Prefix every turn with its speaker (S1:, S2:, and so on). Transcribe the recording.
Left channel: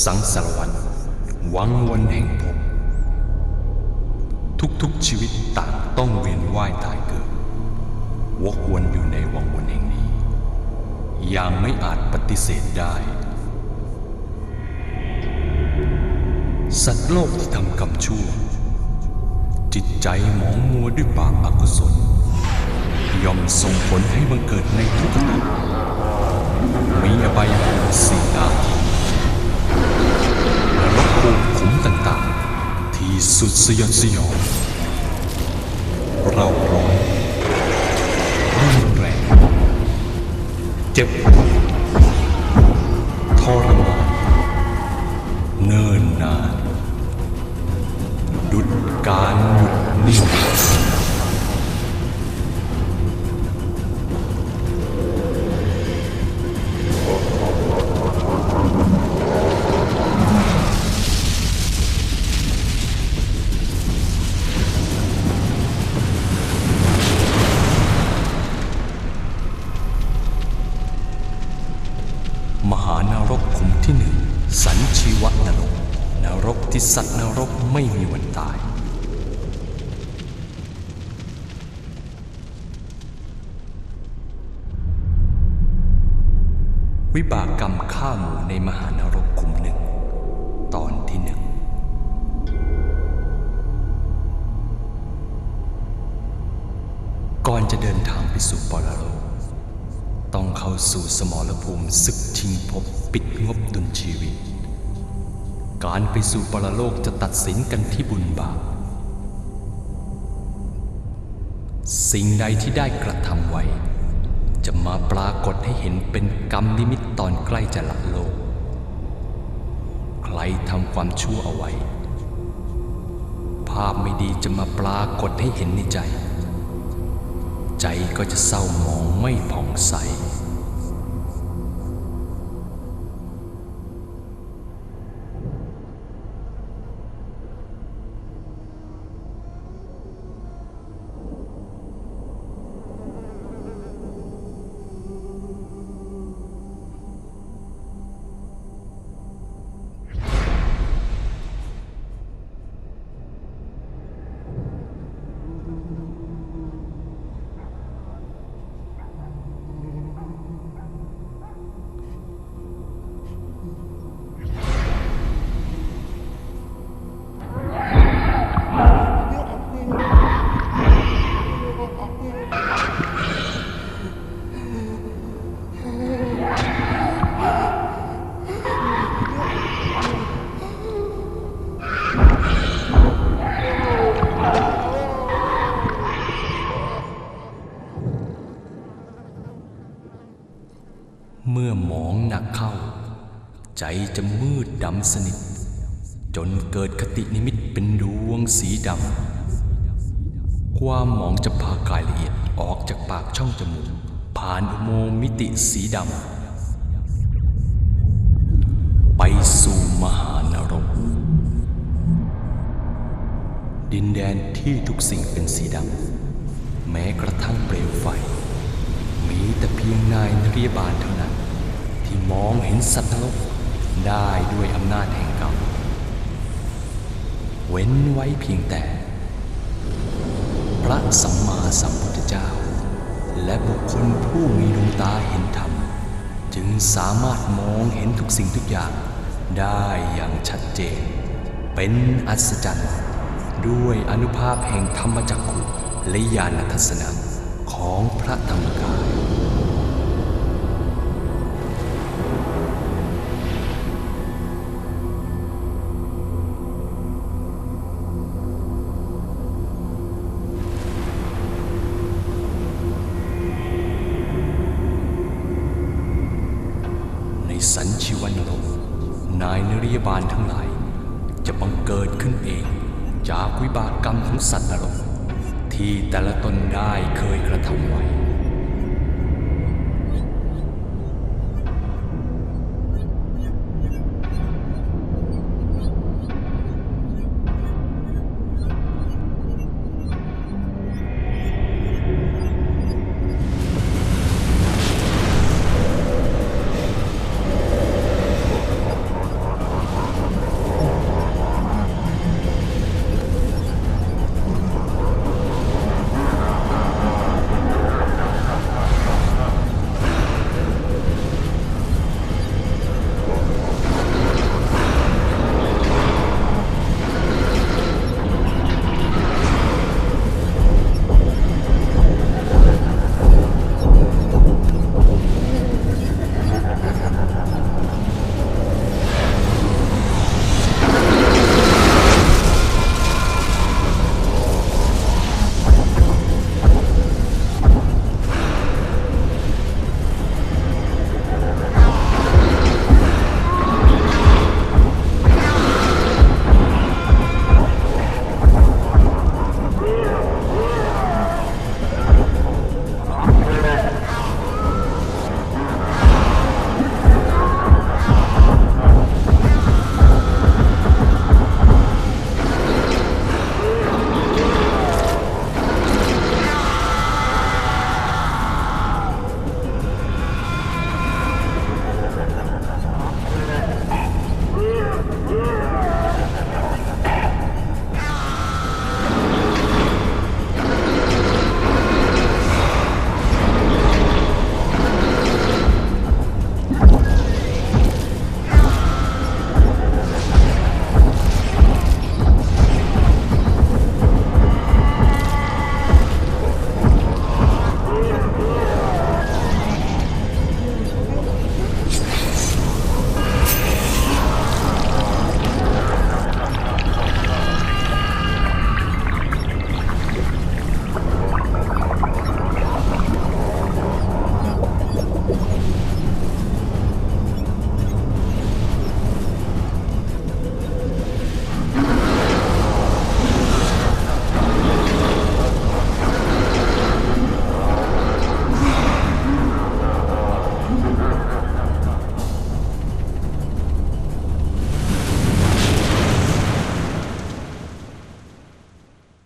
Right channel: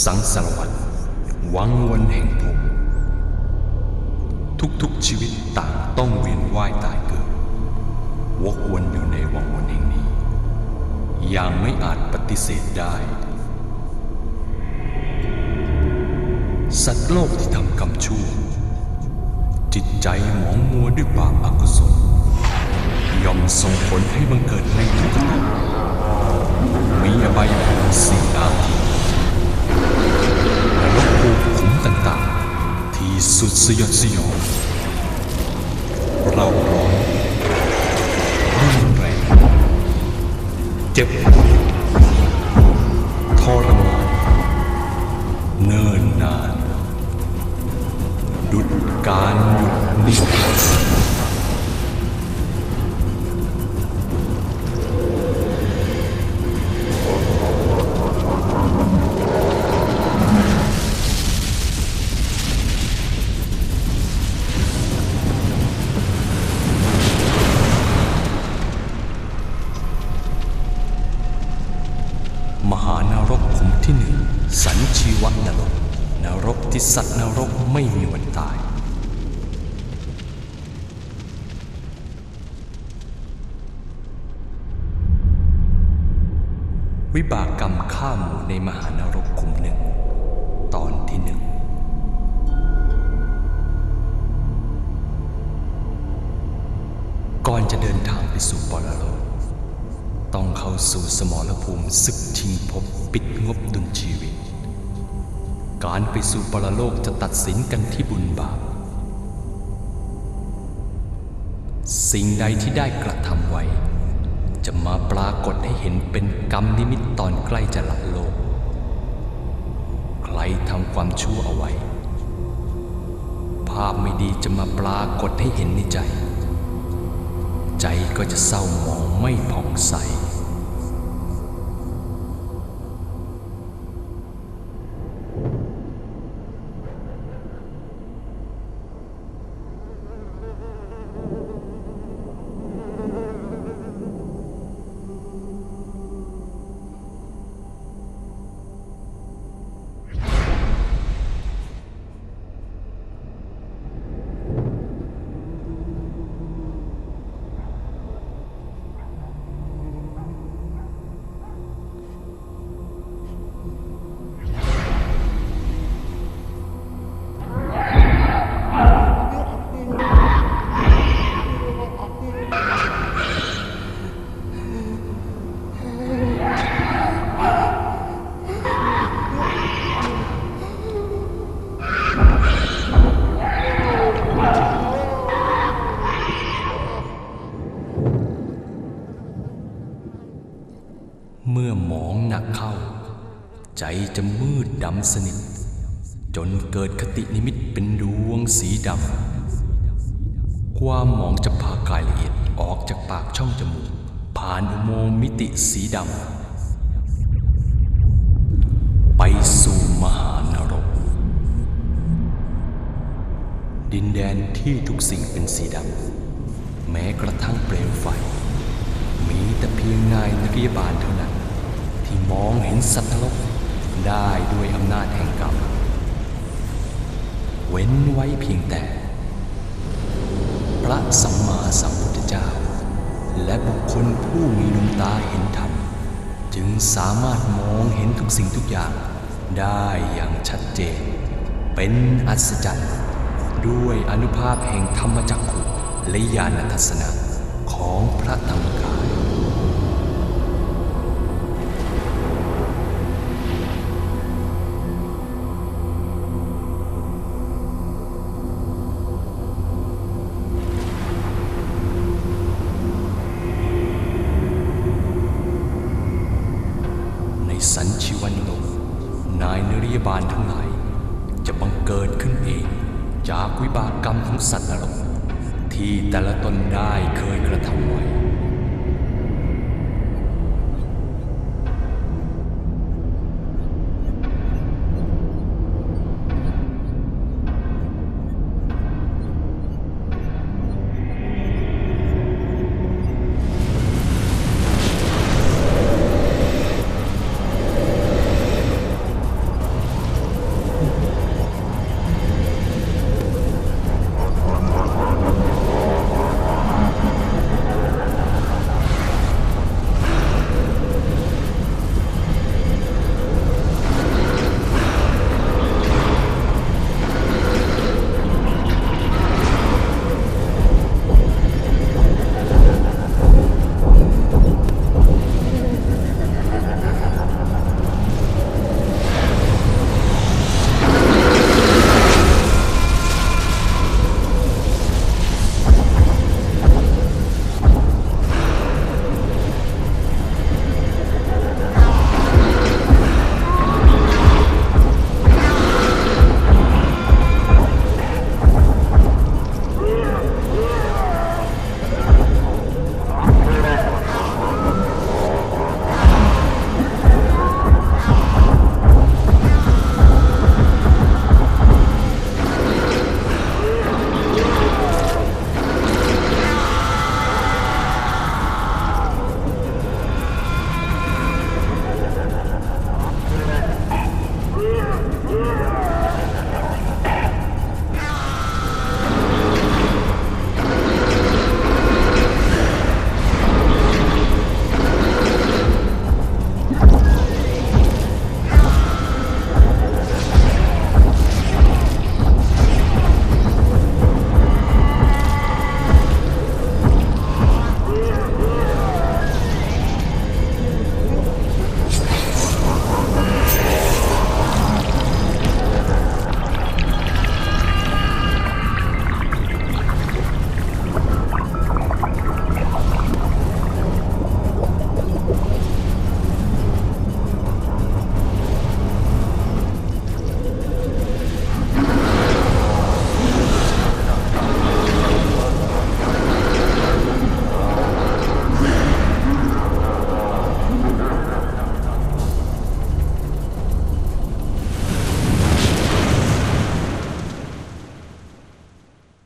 S1: สังสารวัตรวังวนแห่งภพทุกๆชีวิตต่างต้องเวียนว่ายตายเกิด วกวนอยู่ในวังวนแห่งนี้ อย่างไม่อาจปฏิเสธได้ สัตว์โลกที่ทำกรรมชั่ว จิตใจหมองมัวด้วยบาปอากุศลย่อมส่งผลให้บังเกิดในทุกขติมีอบายภูมิสี่อาทินรก ภูมิขุมต่างๆ ที่สุดสยดสยองเราร้อนรุนแรงเจ็บปวดทรมานเนิ่นนาน ดุดการหยุดนิ่ง ชีวะนรกนรกที่สัตว์นรกไม่มีวันตายวิบากกรรมฆ่าหมูในมหานรกขุมหนึ่ง ตอนที่หนึ่ง ก่อนจะเดินทางไปสู่ปรโลก ต้องเข้าสู่สมรภูมิศึกชิงภพปิดงบดุลชีวิต การไปสู่ปรโลกจะตัดสินกันที่บุญบาป สิ่งใดที่ได้กระทำไว้ จะมาปรากฏให้เห็นเป็นกรรมนิมิตตอนใกล้จะละโลก ใครทำความชั่วเอาไว้ ภาพไม่ดีจะมาปรากฏให้เห็นในใจ ใจก็จะเศร้าหมองไม่ผ่องใส เมื่อหมองหนักเข้า ใจจะมืดดำสนิท จนเกิดคตินิมิตเป็นดวงสีดำ ความหมองจะพากายละเอียดออกจากปากช่องจมูก ผ่านอุโมงมิติสีดำ ไปสู่มหานรก ดินแดนที่ทุกสิ่งเป็นสีดำ แม้กระทั่งเปลวไฟ แต่เพียงนายนริยบาลเท่านั้น ที่มองเห็นสัตว์นรกได้ด้วยอำนาจแห่งกรรม เว้นไว้เพียงแต่ พระสัมมาสัมพุทธเจ้า และบุคคลผู้มีดวงตาเห็นธรรม จึงสามารถมองเห็นทุกสิ่งทุกอย่างได้อย่างชัดเจน เป็นอัศจรรย์ ด้วยอนุภาพแห่งธรรมจักขุและญาณทัศนะของพระธรรมกาย สันชิวันโลก นายนริยบาลทั้งหลาย จะบังเกิดขึ้นเอง จากวิบากกรรมของสัตว์นรก ที่แต่ละตนได้เคยกระทำไว้